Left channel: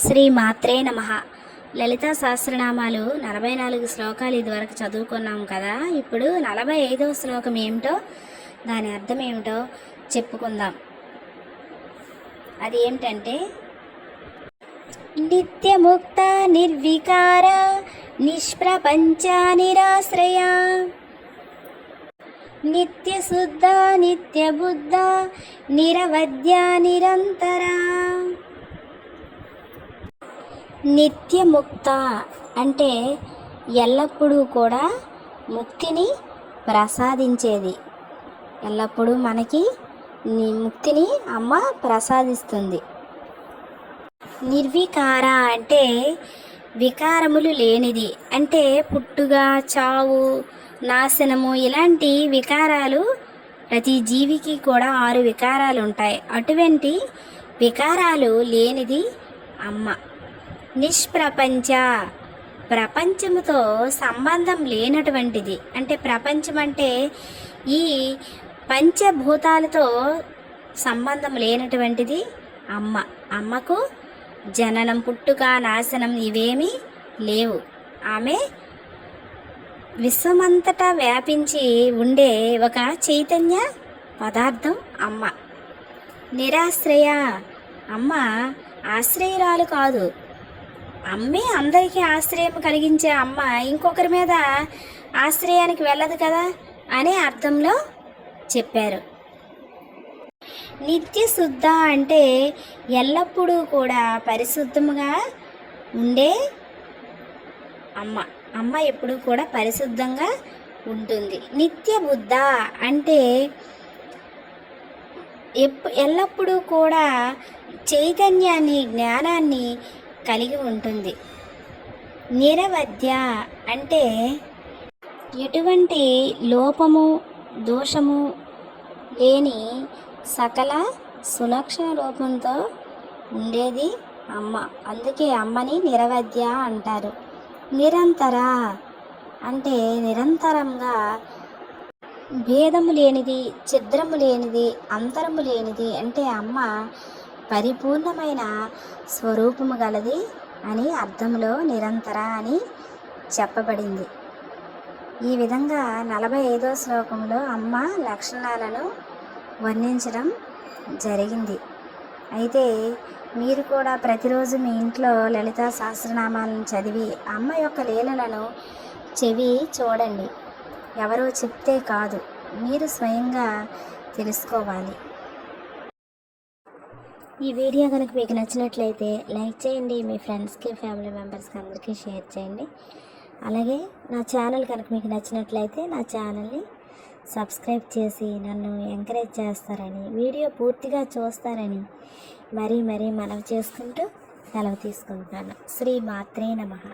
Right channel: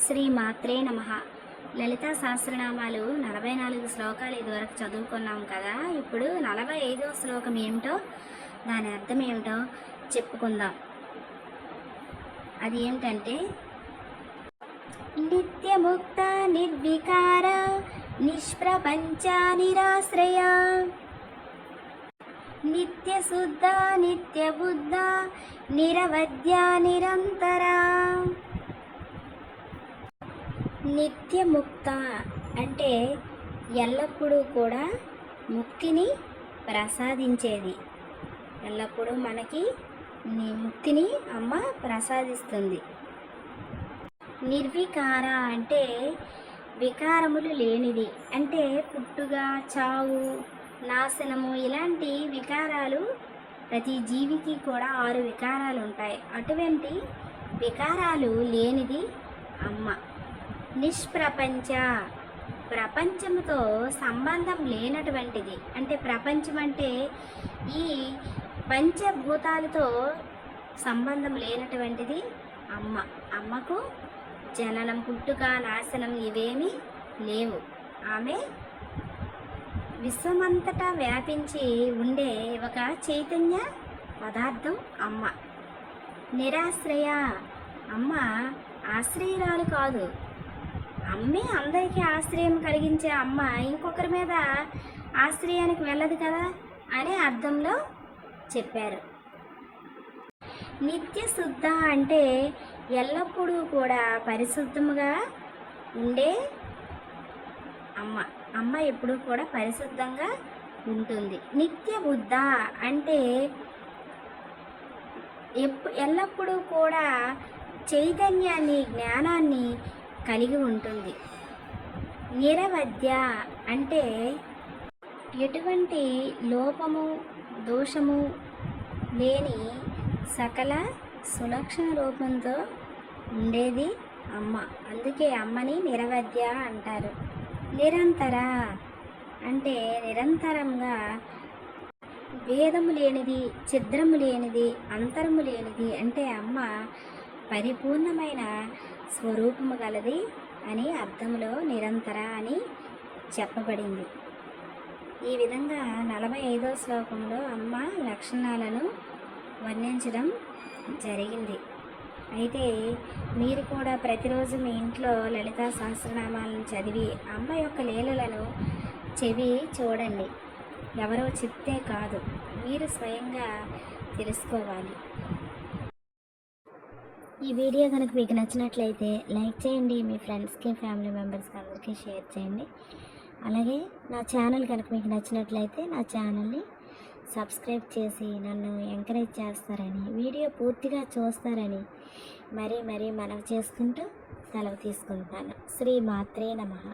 శ్రీ మాత్రే నమ. లలితా సహస్రనామాలు నలభై నాలుగు శ్లోకాలు ఇదివరకు చదువుకున్నాం కదా. ఇప్పుడు నలభై ఐదవ శ్లోకం ఏమిటో దాని అర్థం ఏమిటో చెప్పుకుందాం. అది ఏమిటంటే నిత్యముక్త నిర్వికార నిష్ప్రపంచ నిరాశ్రయ. నిత్యశుద్ధ నిత్యబుద్ధ నిరవద్య నిరంతరా. నిత్యముక్త అంటే ఎల్లప్పుడూ కూడా ముక్తిని ప్రసాదించేది. ఎల్లప్పుడూ మనకి ముక్తిని అమ్మ ప్రసాదిస్తుంది. నిర్వికార అంటే వికారములు లేనిది. అంటే పుట్టుక చావు నాశనము ఇలాంటి వికారాలు ప్రతి జీవికి కూడా ఆరు వికారాలు ఉంటాయి. అటువంటి వికారాలు లేనిది అమ్మ. నిష్ప్రపంచ. ప్రపంచముతో సంబంధం లేనటువంటిది. అంటే ప్రపంచం అంటే ఈ పంచభూతాలతో సంబంధం లేనటువంటిది అమ్మ. అమ్మకు జననం పుట్టుక నాశనం ఇవేమీ లేవు. ఆమె విశ్వమంతటా వ్యాపించి ఉండే ఒక చైతన్య పదార్థం అమ్మ. నిరాశ్రయ. అమ్మ ఆశ్రయురాలు కాదు. అమ్మే అందరికీ ఆశ్రయం కలిగించే అమ్మ ఇంకొకరి మీద ఆశ్రయానికి వెళ్ళదు కదా అనే అర్థంలో చెప్పారు. నిత్య శుద్ధ అంటే ఎల్లప్పుడూ కూడా పరిశుద్ధముగా ఉండే అమ్మ. అమ్మ ఎప్పుడూ కూడా పరిశుద్ధంగా ఉంటుంది. నిత్య బుద్ధ అంటే ఎప్పు ఎల్లప్పుడూ కూడా చైతన్యాన్ని జ్ఞానాన్ని కలిగి ఉంటుంది. నిరవద్య అంటే ఎటువంటి లోపము దోషము లేని సకల సులక్షణ రూపంతో ఉండేది అమ్మ. అందుకే అమ్మని నిరవద్య అంటారు. నిరంతర అంటే నిరంతరంగా భేదము లేనిది ఛిద్రము లేనిది అంతరము లేనిది అంటే అమ్మ పరిపూర్ణమైన స్వరూపము గలది అని అర్థంలో నిరంతర అని చెప్పబడింది. ఈ విధంగా నలభై ఐదో శ్లోకంలో అమ్మ లక్షణాలను వర్ణించడం జరిగింది. అయితే మీరు కూడా ప్రతిరోజు మీ ఇంట్లో లలితా సహస్రనామాలను చదివి అమ్మ యొక్క లీలలను చెవి చూడండి. ఎవరో చెప్తే కాదు. మీరు స్వయంగా తెలుసుకోవాలి. ఈ వీడియో కనుక మీకు నచ్చినట్లయితే లైక్ చేయండి మీ ఫ్రెండ్స్కి ఫ్యామిలీ మెంబర్స్కి అందరికీ షేర్ చేయండి. అలాగే నా ఛానల్ కనుక మీకు నచ్చినట్లయితే నా ఛానల్ని సబ్స్క్రైబ్ చేసి నన్ను ఎంకరేజ్ చేస్తారని వీడియో పూర్తిగా చూస్తారని మరీ మరీ మనవి చేసుకుంటూ సెలవు తీసుకుంటున్నాను. శ్రీ మాత్రే నమః.